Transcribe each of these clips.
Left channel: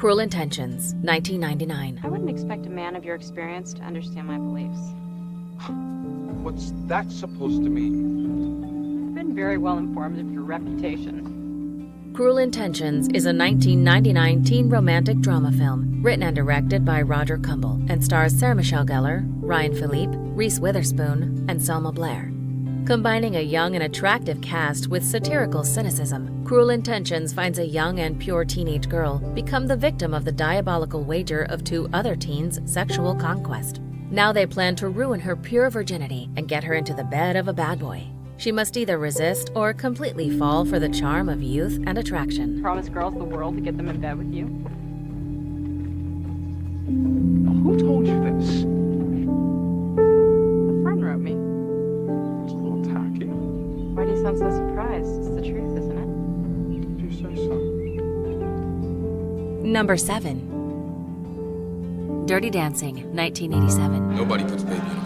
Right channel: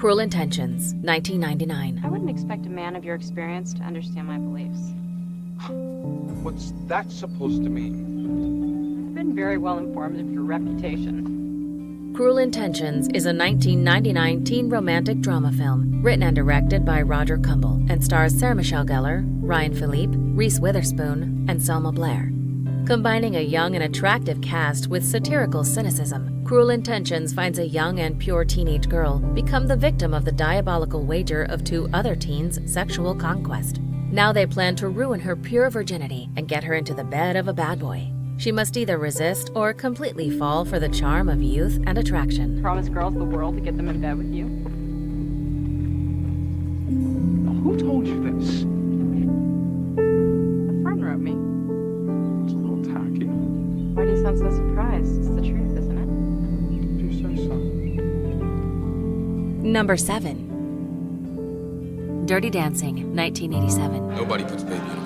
Cruel Intentions, 1999. I wouldn't expect a man of your experience to understand my beliefs. What's that supposed to mean? I've been very well informed of your reputation. Cruel Intentions is a 1999 teen romantic drama film written and directed by Roger Kumble and stars Sarah Michelle Gellar, Ryan Philippe, Reese Witherspoon, and Selma Blair. Combining a young and attractive cast with satirical cynicism, Cruel Intentions finds a young and pure teenage girl become the victim of the diabolical wager of two other teens' sexual conquest. Now they plan to ruin her pure virginity and get her into the bed of a bad boy. She must either resist or completely fall for the charm of youth and attraction. Promise girls the world to get them in bed with you. Who told you this? A friend wrote me. It's a little tacky. Why do you sound so surprised? It's the truth, isn't it? If you say so. Number 7. Dirty Dancing, 1987. Nobody puts baby in a corner.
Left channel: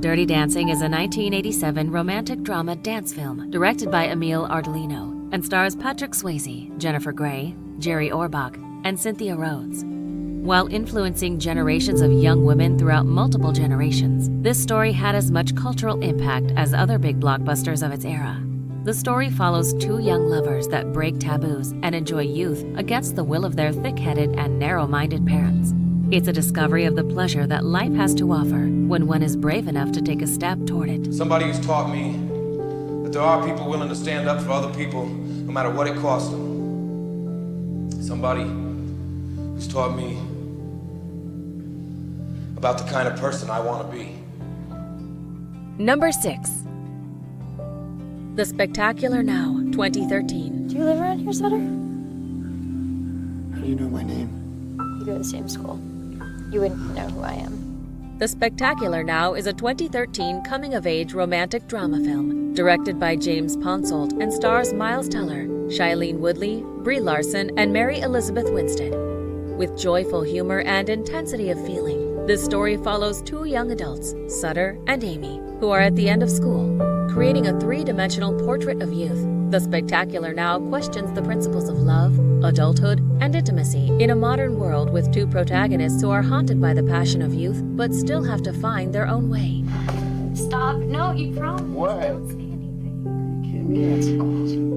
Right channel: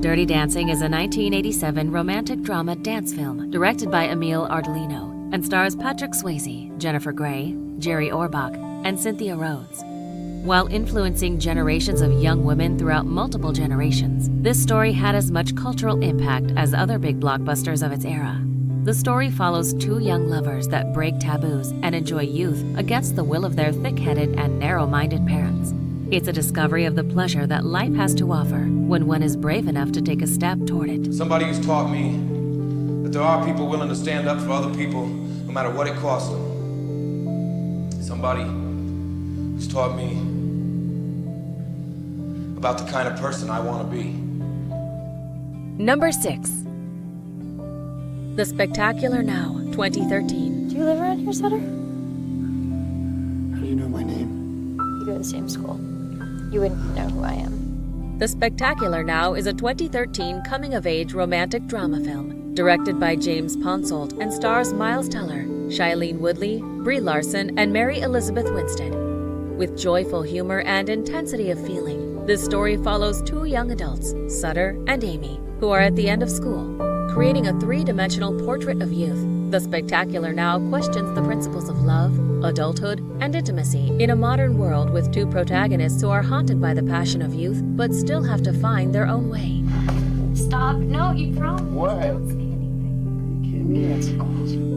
Dirty Dancing is a 1987 romantic drama dance film directed by Emile Ardolino and stars Patrick Swayze, Jennifer Grey, Jerry Orbach, and Cynthia Rhodes. While influencing generations of young women throughout multiple generations, this story had as much cultural impact as other big blockbusters of its era. The story follows two young lovers that break taboos and enjoy youth against the will of their thick-headed and narrow-minded parents. It's a discovery of the pleasure that life has to offer when one is brave enough to take a step toward it. Somebody who's taught me that there are people willing to stand up for other people no matter what it costs them. Somebody who's taught me about the kind of person I want to be. Number 6. The Spectacular Now, 2013. Do you live around here, Sutter? How do you know my name? You go to the same school. You wouldn't know who I am. The Spectacular Now is a 2013 coming-of-age romantic drama film directed by James Ponsoldt and stars Miles Teller, Shailene Woodley, Brie Larson, and Mary Elizabeth Winstead. With joyful humor and intensity of feeling, this story follows two young adults, Sutter and Amy, who are at the end of school. Creating a three-dimensional portrait of youth, The Spectacular Now questions the principles of love, adulthood, and intimacy in a modern world with two protagonists who are haunted by the passion of youth but still have to find their own way. Stop. No, you promised. What? Don't say anything. Are you kidding me? That's awesome.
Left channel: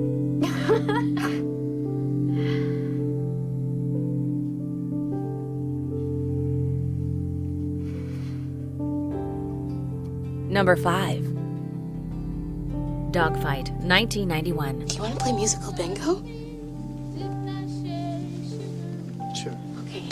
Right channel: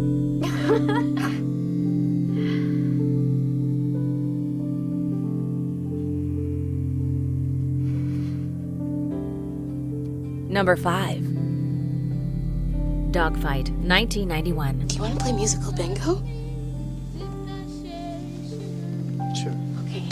Number 5. Dogfight, 1991. Do you want to play musical bingo? Sure. Okay.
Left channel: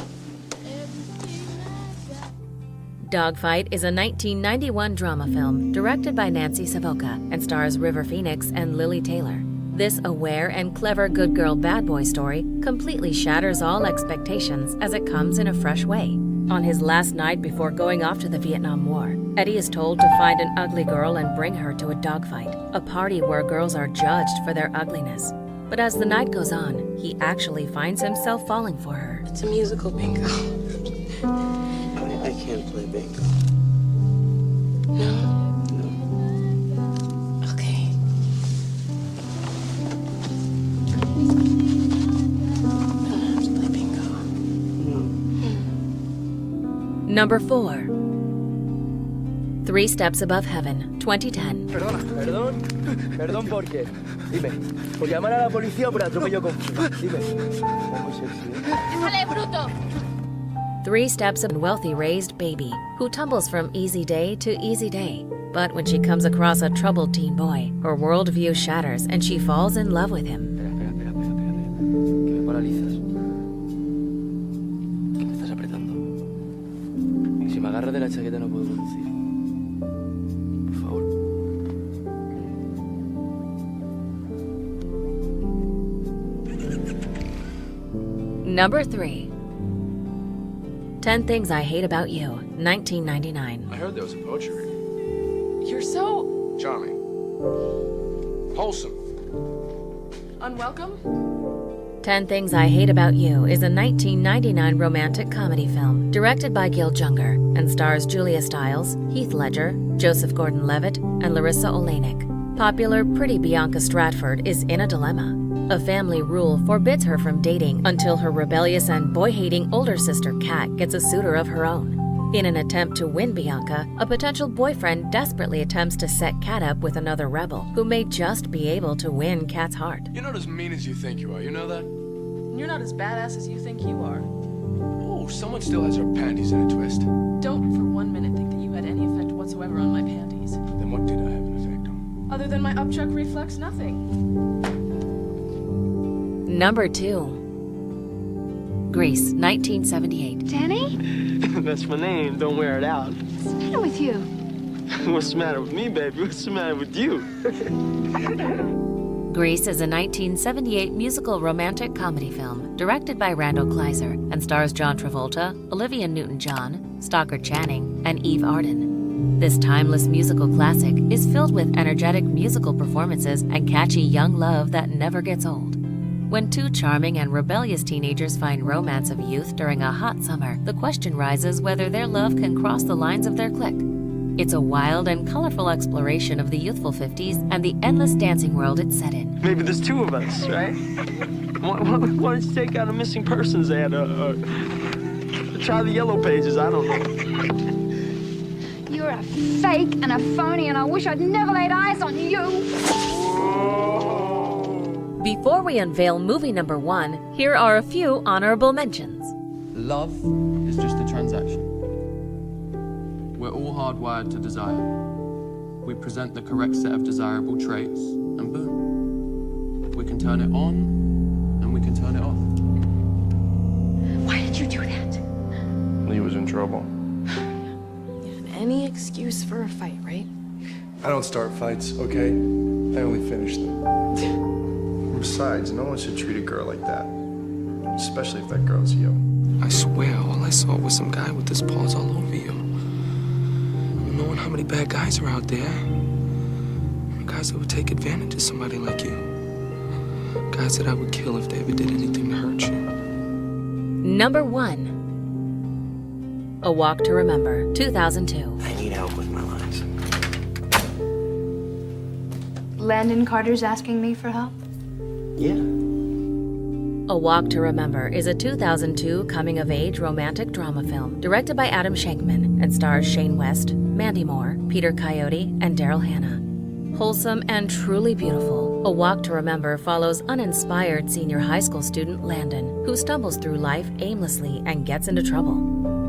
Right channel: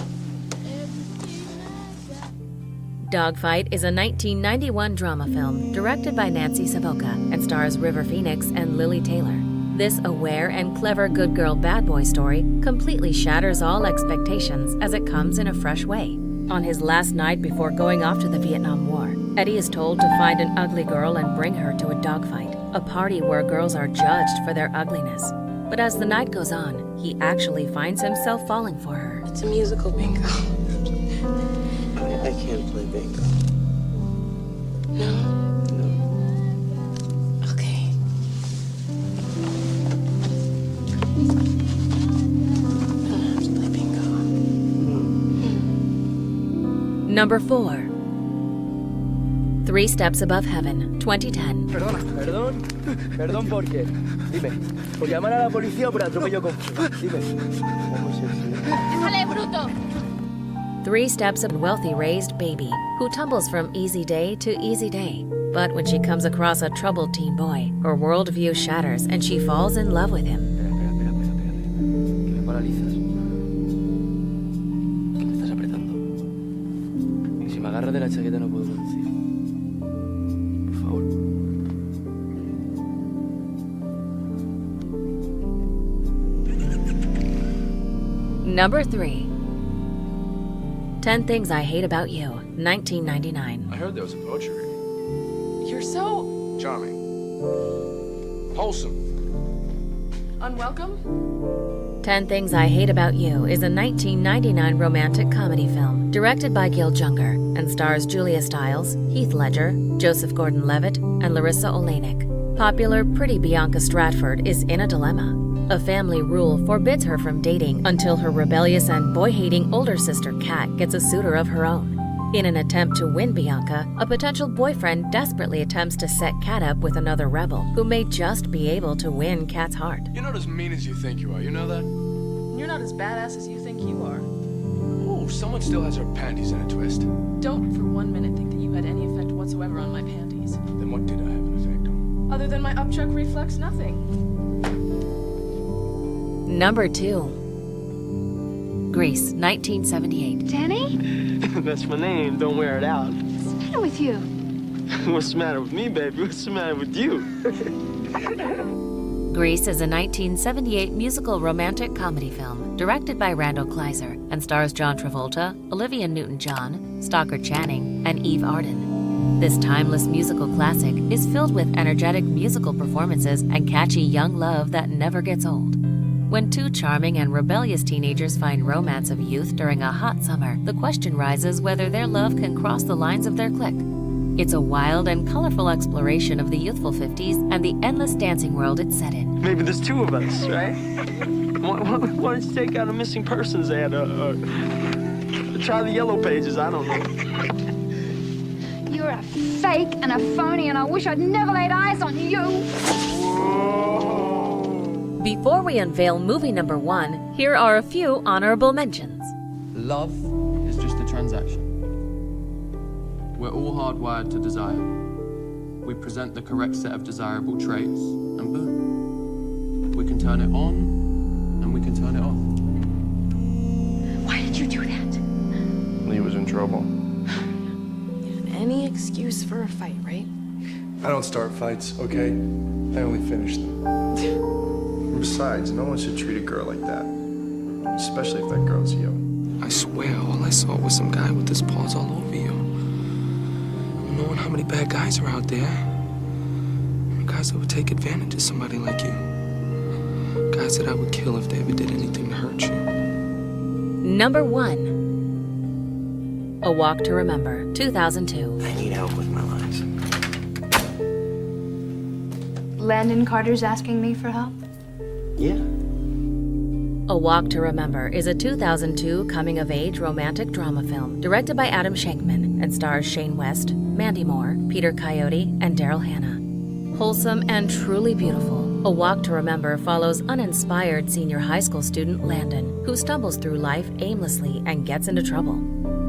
Dogfight is a 1991 drama film directed by Nancy Savoca and stars River Phoenix and Lily Taylor. This aware and clever good girl bad boy story completely shatters all expectations as it comes in a fresh way. On his last night before going off to the Vietnam War, Eddie is told to find an ugly girl and bring her to a dogfight, a party where girls are judged for their ugliness. But as the night goes on, he actually finds himself falling for her. It's a musical bingo. I can't play bingo. No? No. Okay. I don't have to play bingo. Number 4. 3 Steps Above Heaven, 2010. Perdón, ¿por qué? Dime, ¿por llamar a la policía o por atropello confuso? Dime. Está muy sexy, ¿eh? ¡Sale, bruto! 3 Steps of a wealthy raised baby who tumbles from easy day to easy day. But when she comes across a troubled teen boy, her worldview shatters and she falls in love with him. Espera. Que me paralizas. Que me estás apretando. Y si me agarras de la chaqueta no puedo conducir. Por favor. Number 3. 10 Things I Hate About You, 1999. I heard there was a poacher. You're so Charming. Wholesome. unwelcome. 10 Things I Hate About You is a 1999 romantic comedy film directed by Gil Junger and stars Julia Stiles, Heath Ledger, Joseph Gordon-Levitt, and Larissa Oleynik. Popular pretty Bianca Stratford is in a dilemma. A family rule forbids her from dating until her rebellious and boy-hating older sister Kat gets a suitor of her own. In an attempt to win Bianca, a potential boyfriend desperately attempts to set Kat up with another rebel who may just be able to win Kat's heart. You're not as mean as you think you are, you know that? You're not as badass as you think you are. Oh, someone still has her panties in a twist. Don't for 1 minute think that you had any effect whatsoever on my panties. Then what did I have an effect on? Other than my upchuck reflex, nothing. Number 2. Greece, 1978. Danny? That's my name. Don't wear it out. What's the matter with you? What's the matter with me, baby? What's the matter with you? Grease is a 1978 musical romantic comedy film directed by Randall Kleiser and stars John Travolta, Olivia Newton-John, Stockard Channing, and Eve Arden. This timeless musical classic is filled with energetic musical performances and catchy young love that never gets old. When two charming and rebellious teenagers find romance of youth during a hot summer, the question rises whether their love can cross the lines of their clique. It's a wild and colorful exploration of the youthful 50s and the endless dancing world it's set in. Maybe there's two of us, right? Why don't you take out a missing persons ad or try the yellow pages? I don't know. You're a fake and a phony, and I wish I'd never laid eyes on you. Before we unveil movie number 1, here are a few honorable mentions. Love is just a transaction. We're all hardwired to desire. We present the correct set of desirable traits, and boom. We can turn it on, and we can turn it off. Why did you do that? Lee was in trouble. Any excuse for a fight, right? I don't start fights, okay? I only finish them. Besides, no one should treat a girl like that. Especially if that girl's you. I swear, all I saw was some guy with his paws all over you. Knowing how many bad guys are out there. Guys that would take advantage of somebody like you. Guys that I would kill if they ever did anything to hurt you. Number 1. A Walk to Remember, 2002. I need help with my lines. Landon Carter's asking me for help? Yeah. A Walk to Remember is a 2002 coming-of-age romantic drama film directed by Adam Shankman and stars Shane West, Mandy Moore, Peter Coyote, and Daryl Hannah. Wholesome and truly beautiful, A Walk to Remember follows uninspired senior high school student Landon, who stumbles through life aimlessly and gets into trouble.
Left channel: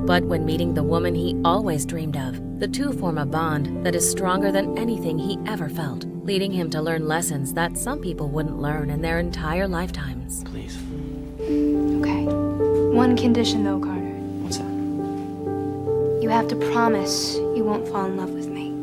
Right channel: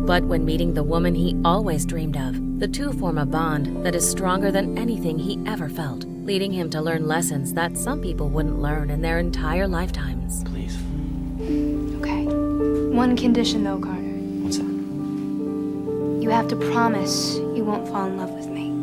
But when meeting the woman he always dreamed of, the two form a bond that is stronger than anything he ever felt, leading him to learn lessons that some people wouldn't learn in their entire lifetimes. Please. Okay. One condition, though, Carter. What's that? You have to promise you won't fall in love with me.